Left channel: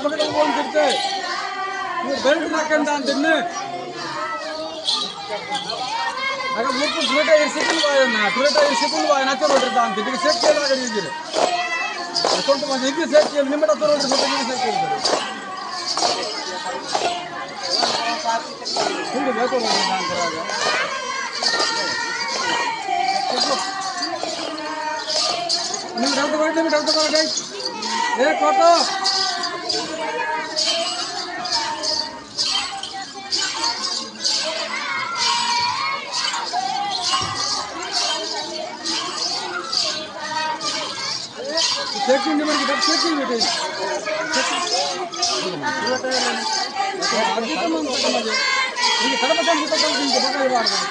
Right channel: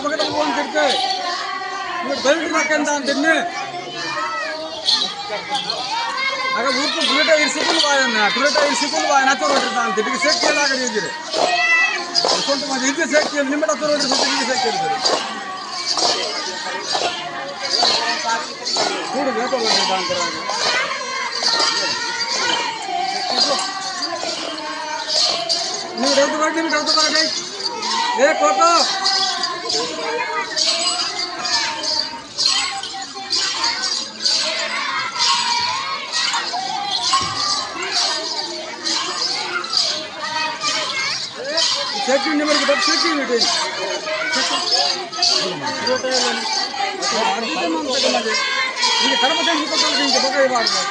ಪಕ್ಕದ ಹೋಗ್ತಿರ್ತೆ ನೀವು ಬೆಲ್ಟ್ ಮಾಡ್ಕೊಂಡ ಅಂತೀನಿ ಆಗ ಮುಟ್ಟು ಪ್ಲೇಟ ಇರಿಸಿಕೊಂಡು ಪ್ಲೇಟ ಇರಿಸಿಕೊಂಡು ನಾಚೆ ಹೊರಟಿದ್ದ ಅಂತ ಇದಕ್ಕೆ ಸೇಫ್ಟಿಯಲ್ಲಿ ಆಗಡಿದ್ದೀರಿ ಸ್ವಲ್ಪ ಮಂದಿ ಇದು ಸೇಫ್ಟಿಯಲ್ಲಿ ನಿಮ್ಮ ಹತ್ರ ಹೊರಟಿದ್ದ ಇದು ಸೇಫ್ಟಿಯಲ್ಲಿ ಕೂಡು ಬೇಕು ಅಂತಾರೆ ನೀವು ಡೌಟ್ ಮಾಡಿ ಏ ಫೋಟೋ ಸೇಫ್ಟಿ ನಿಮಗೆ ಡಬ್ ಸೇಫ್ಟಿ ಇದೆ ಈಗ ಕಡಿಮೆ ನಿಮಗೆ ಬಗ್ಗೆ ಮಾಡ್ತಾರೆ